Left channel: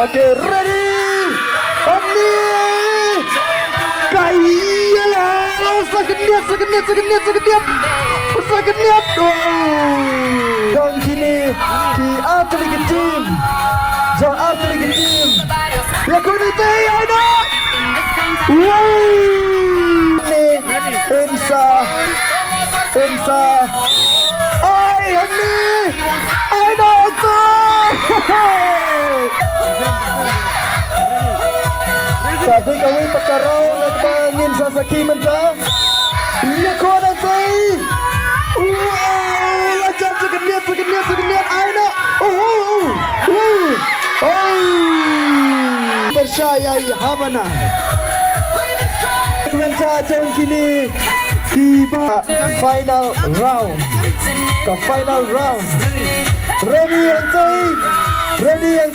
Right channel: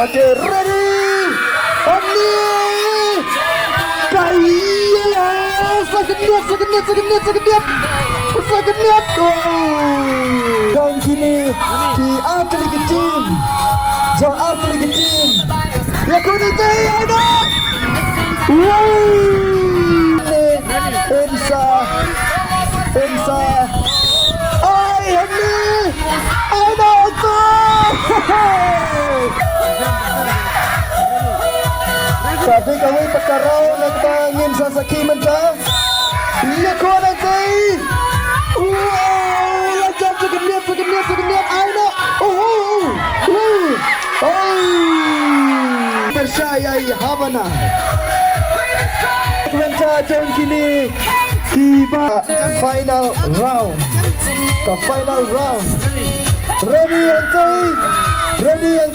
Oke, ready. Omni. Kaya segenit. Dan kini di Atletik Team. John Atletik Team. Ya kuniti ada. Wow. Insa. Ay, Omni. Ada itu. Tapi kami perkara nagpangin sa sakiman iya ko nanti. Wow, lanjut segenit. Ayo. Tersyayai Havana. Kemencacan kini tiba final round. Ke final round. Ready yang ready.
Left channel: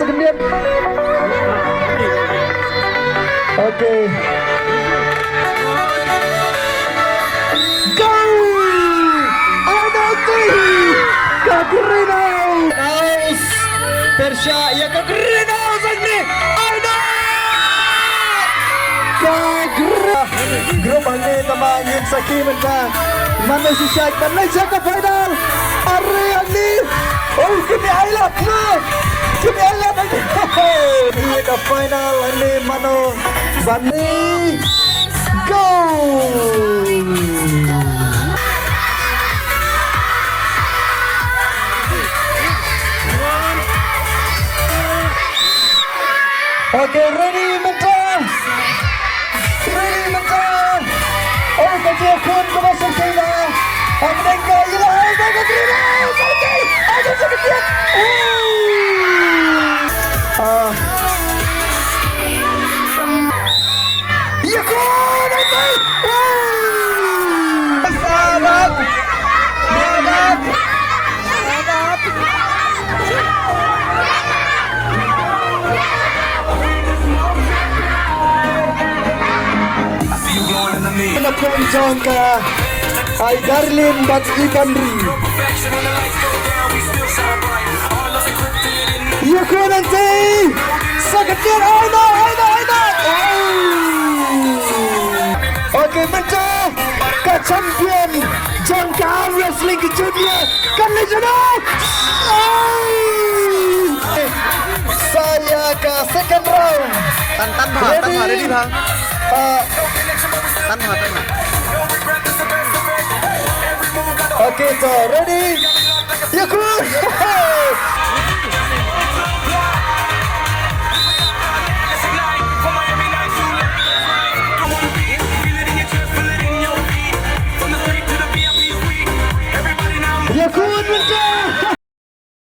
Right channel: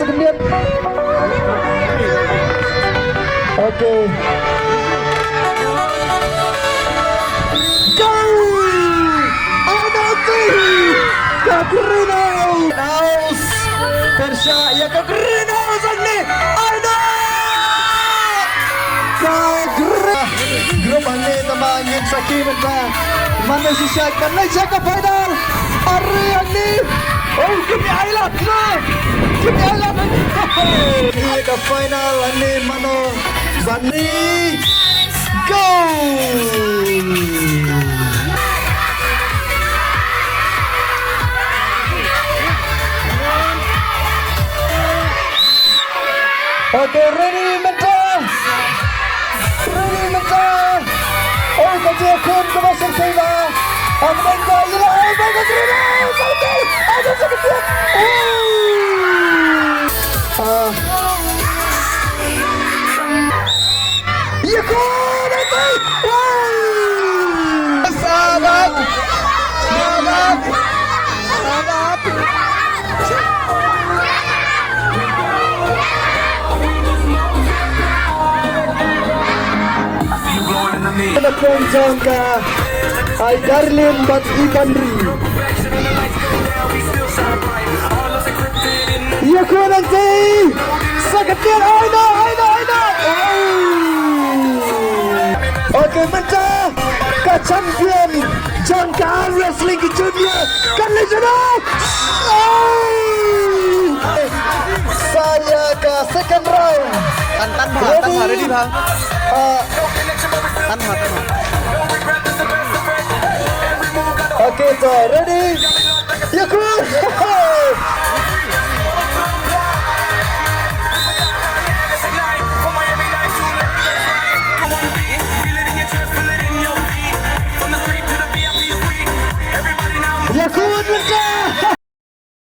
Segenit. Oke. Go! Ananti! Kagrinau! Nice! Persya, ya Kagrinau Sagni! Aina! Kagrinau! Grup ini tamangin sa kiman ka. Mana si Syed, mana siya ka final! Ariani! Oh, give me highlight! No! Give me highlight! Iya ka final ini mano Bani! Go! Okay, ready, mental! Oh, kecil kun kemasuk sila! Ang nengka, ilaw! Baga krilaw! Sakit! Ayo sakit! Iya kun! Sahabat! Penonton ke Ay Darlin dan Ikandri. Iya ko nanti sakitnya Aina. Oke, mencah ke champion jangka wrestling junior kami sudah. Saya ke second round. Tan ready bang. Tan. Oke, so ready? Ya,